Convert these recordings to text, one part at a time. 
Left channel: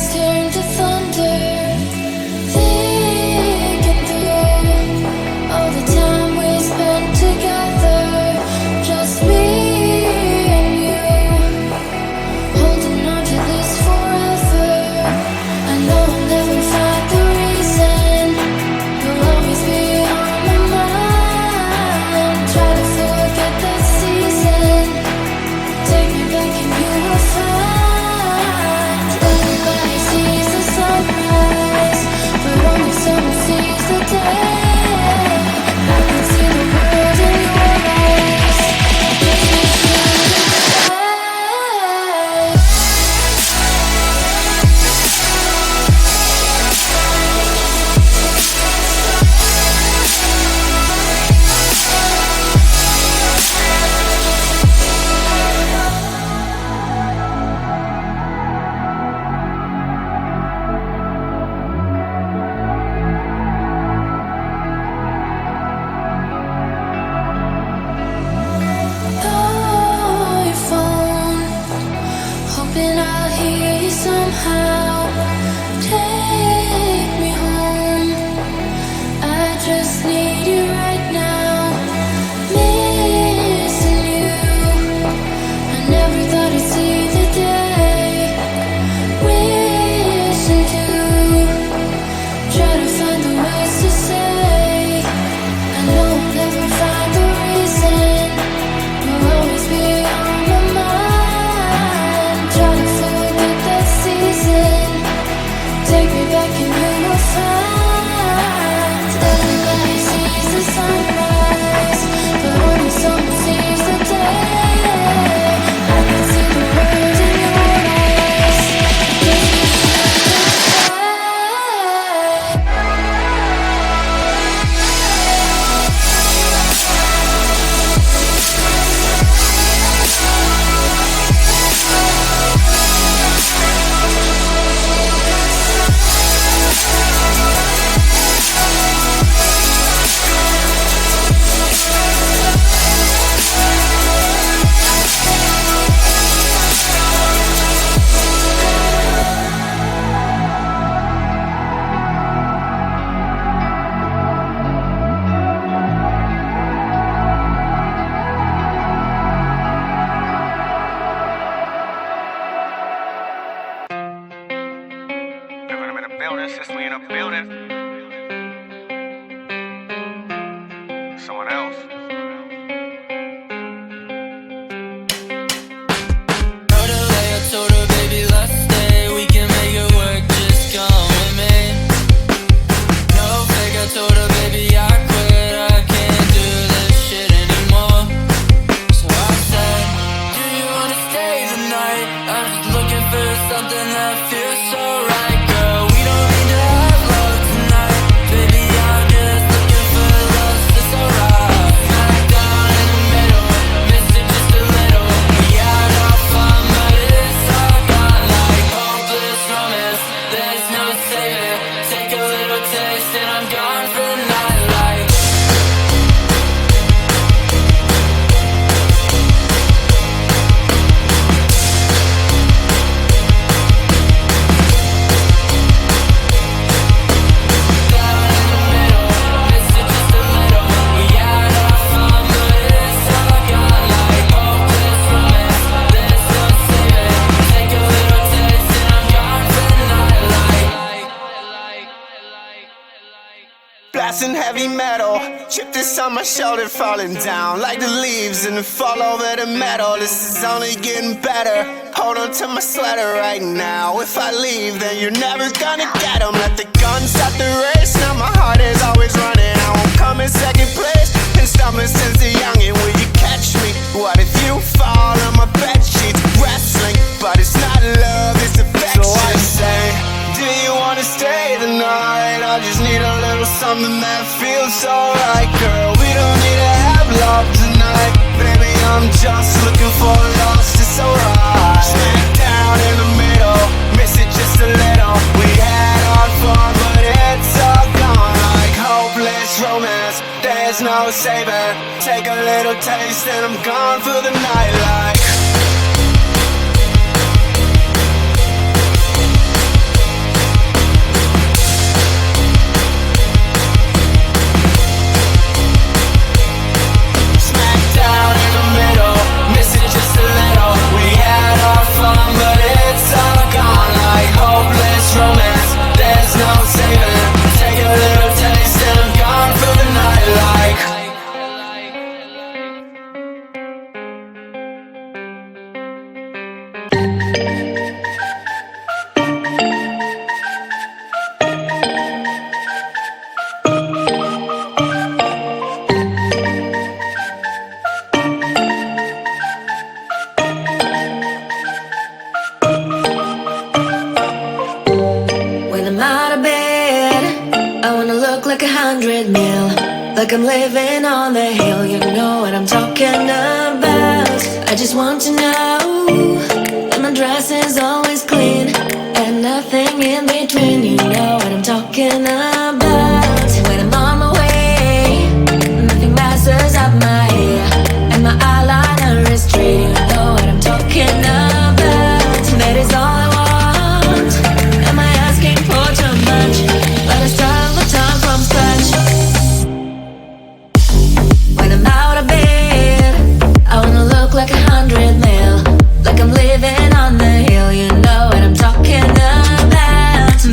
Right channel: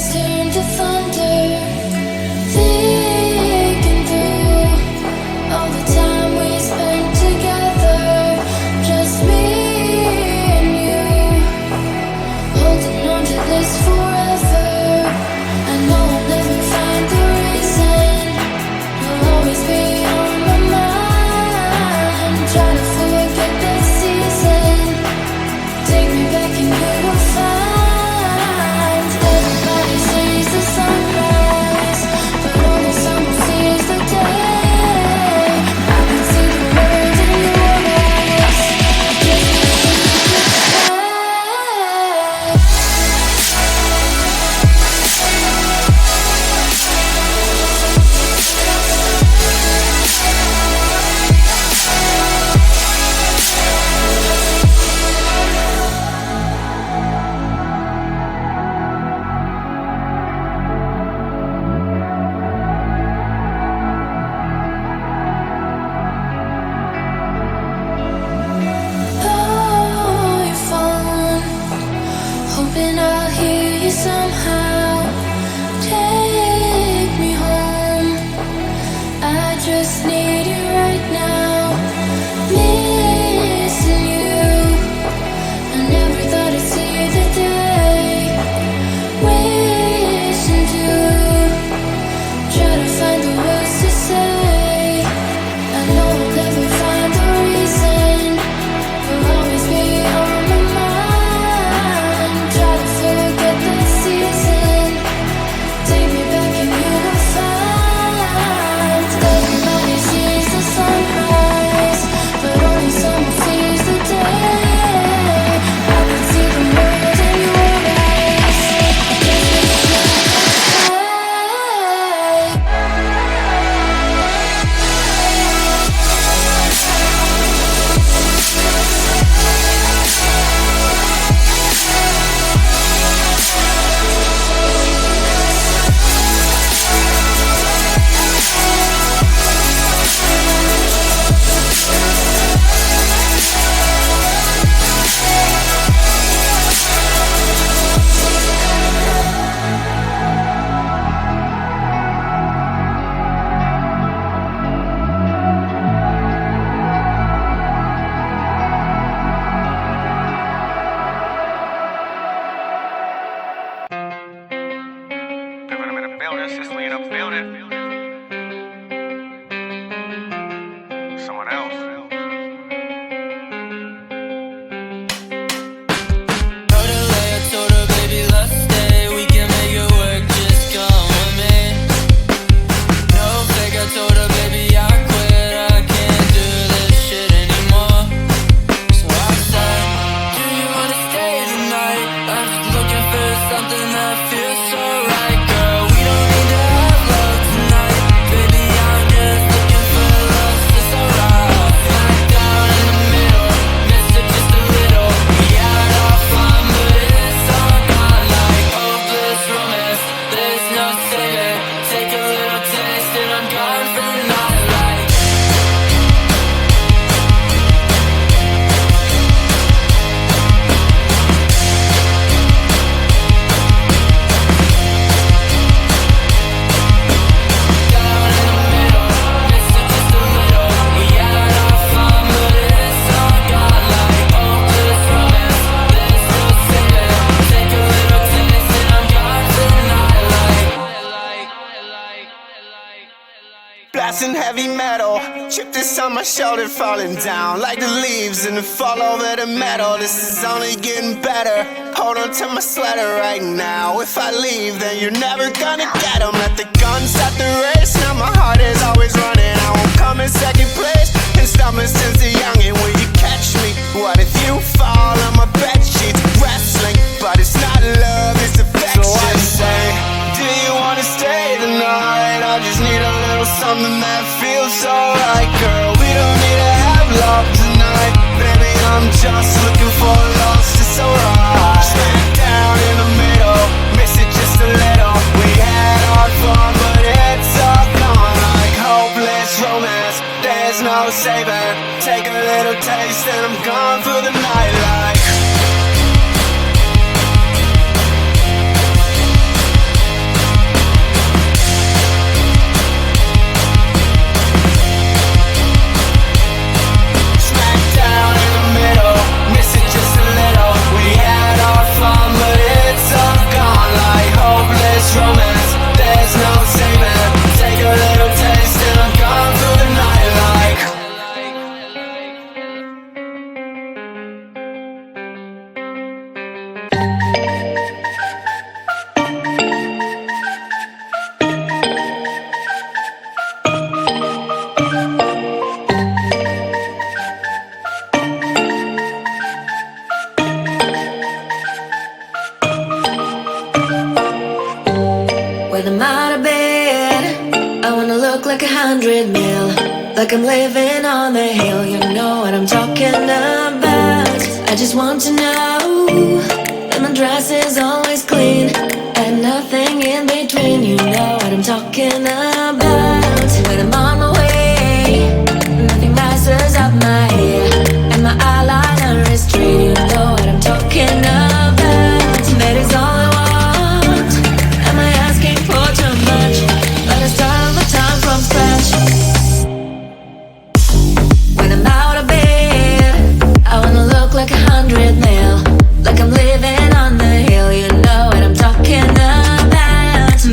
skies turn to thunder, thinking through all the time we spent together, just me and you, holding on to this forever. I know I'll never find the reason, you'll always be on my mind. Try to forget that season, take me back and you will find. Everybody sees the sunrise, but only someone sees the day. I can see the world in your eyes, I just wish you could stay. Oh, your phone, hoping I'll hear you somehow. Take me home, I just need you right now. Missing you, I never thought I'd see the day. Wishing to try to find the words to say. I know I'll never find the reason, you'll always be on my mind. Try to forget that season, take me back and you will find. Everybody sees the sunrise, but only someone sees the day. I can see the world in your eyes, I just wish you could stay. Living them in a building, Sicily in a building. Someone else. Wrote a letter, told her, baby, let's stay. We can make it work, just come with me. No fake, I told her, baby, I quit. I can't do this shit anymore. So I said, do you wanna stay the night? I'm just looking for something that feels so right, girl. We don't need to have love tonight, baby, I'm just looking for love, so it's alright. Smack down in the middle, missed it just a little. We had our fun, but it's all gone like hopeless romance. There's no saving, take a little taste and I'm gone for the night like. Down in the middle, missed it just a little. We had our fun, but it's all gone like hopeless romance. There's no saving, take a little taste and I'm gone for the night like. Blasting heavy metal, chip this on my shoulder, falling down like the leaves and the fall over the metal. This is only getting better. Hold on to my sweater right now. If I leave, then you're never gonna get 'em. Let the gun start the race. Now my heart is always running. I won't come in second place. Been stumbling since the youngin'. Will you catch me? What if you fall on my bed sheets? Wrestling, but it's not love, it's affection. So I say, do you wanna stay the night? I just need a little something that feels so right, girl. We don't need to have love tonight, baby, I'm just looking for love, it's alright. Smack down in the middle, miss it just a little. We had our fun, but it's all gone like hopeless romance. There's no saving, take a little taste and I'm gone for the night like. 100 mil, like I'm living on the hill. You know what I'm talking about. I just want to know that my dress is always clean and nothing in between. You know what I'm talking about. When I'm on my way, nothing messes up my hair, and my eyeliner is straight. You know what I'm talking about. That is all I want. Am I asking for too much? But I start all the time from scratch. When I'm out of bed, I wanna look like 100 mil, like I'm living on the hill. You know what I'm talking about.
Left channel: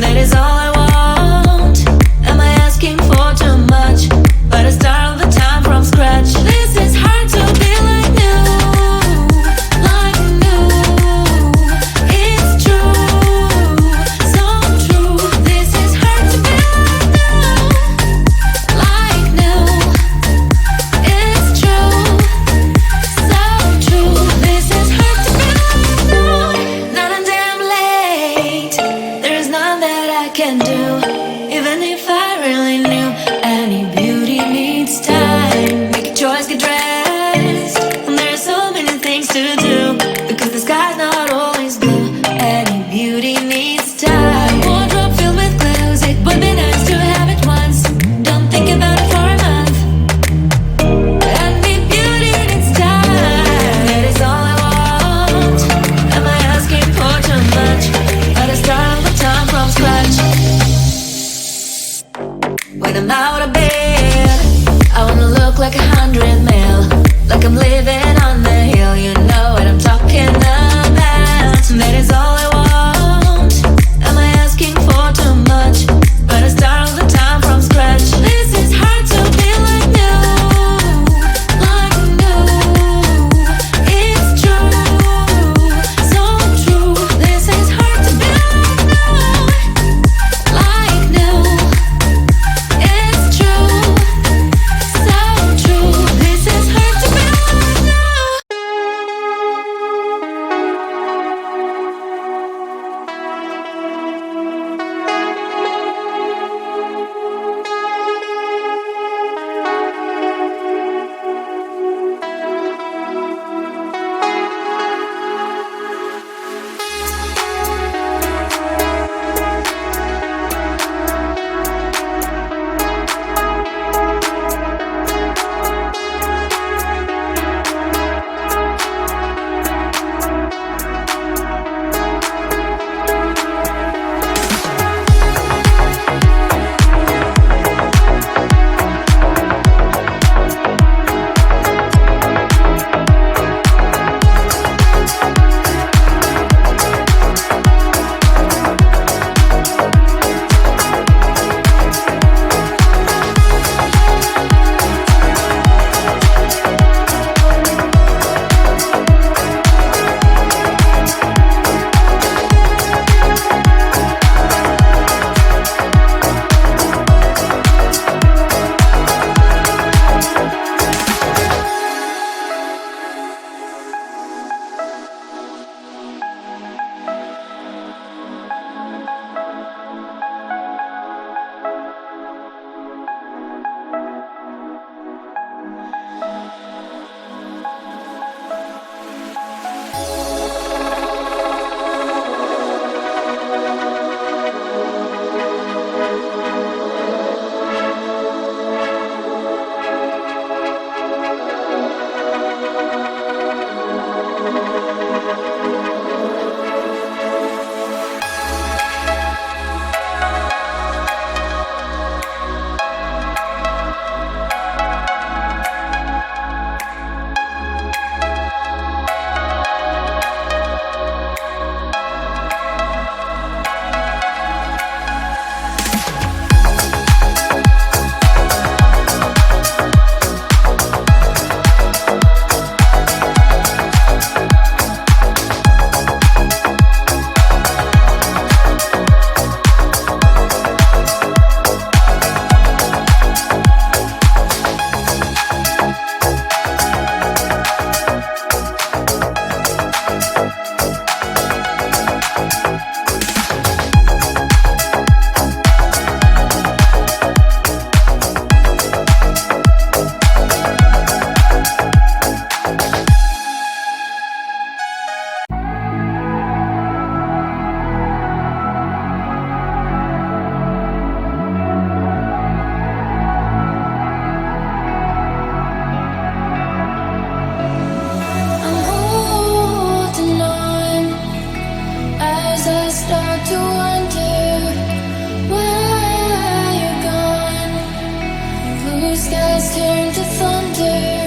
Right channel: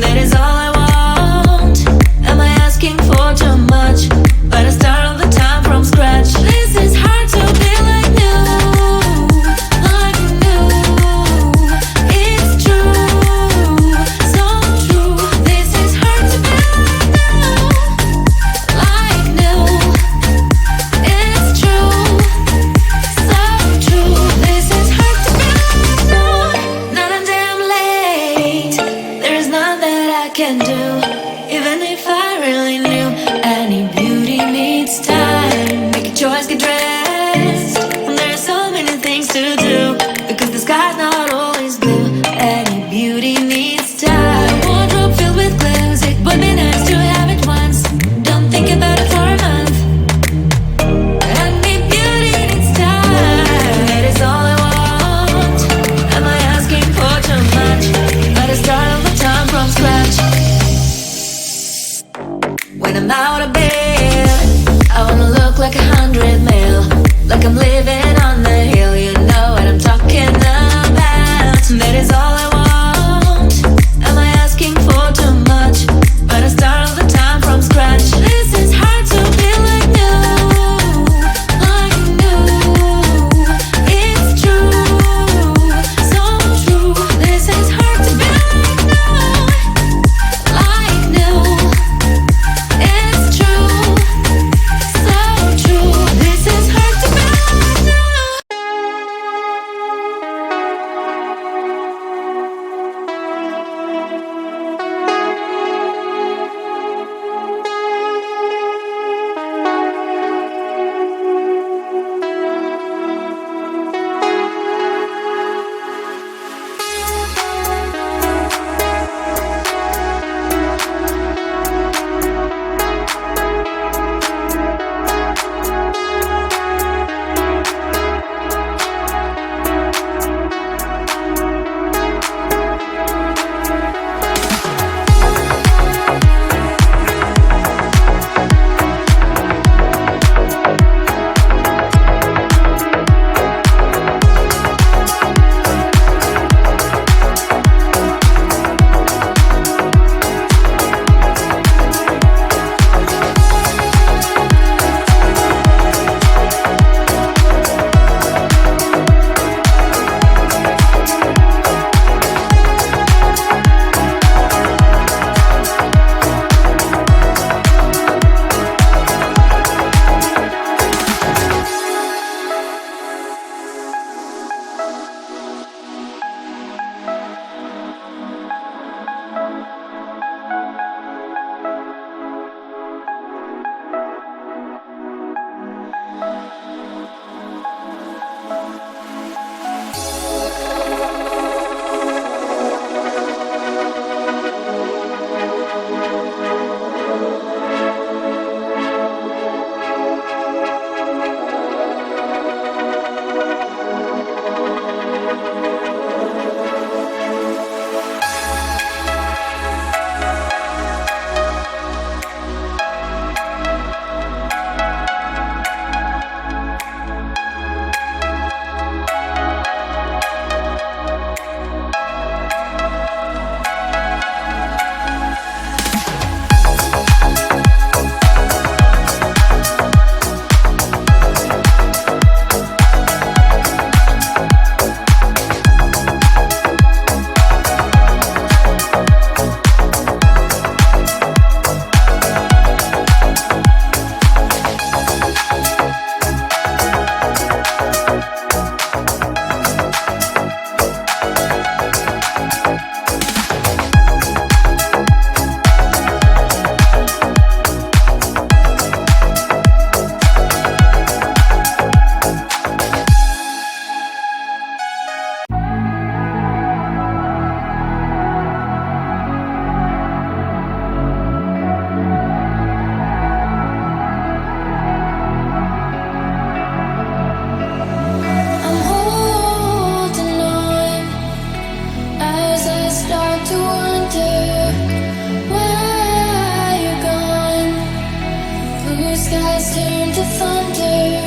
That is all I want. Am I asking for too much? But I start all the time from scratch. This is hard to be like new, like new. It's true, so true. This is hard to be like new, it's true, so true. This is hard to be like new. Not a damn late. There is none that I can do, even if I really knew. Any beauty needs time. Make a choice, get dressed. And there are so many things to do, because the sky's not always blue. Any beauty needs time. A wardrobe filled with clues. It would be nice to have it once. Don't think about it for a month. Any beauty needs time. That is all I want. Am I asking for too much? But I start all the time from scratch. When I'm out of bed, I wanna look like 100 mil, like I'm living on the hill. You know what I'm talking about. That is all I want. Am I asking for too much? But I start all the time from scratch. This is hard to be like new, like new. It's true, so true. This is hard to be like new, like new. It's true, so true. This is hard to be like new. skies turn to thunder.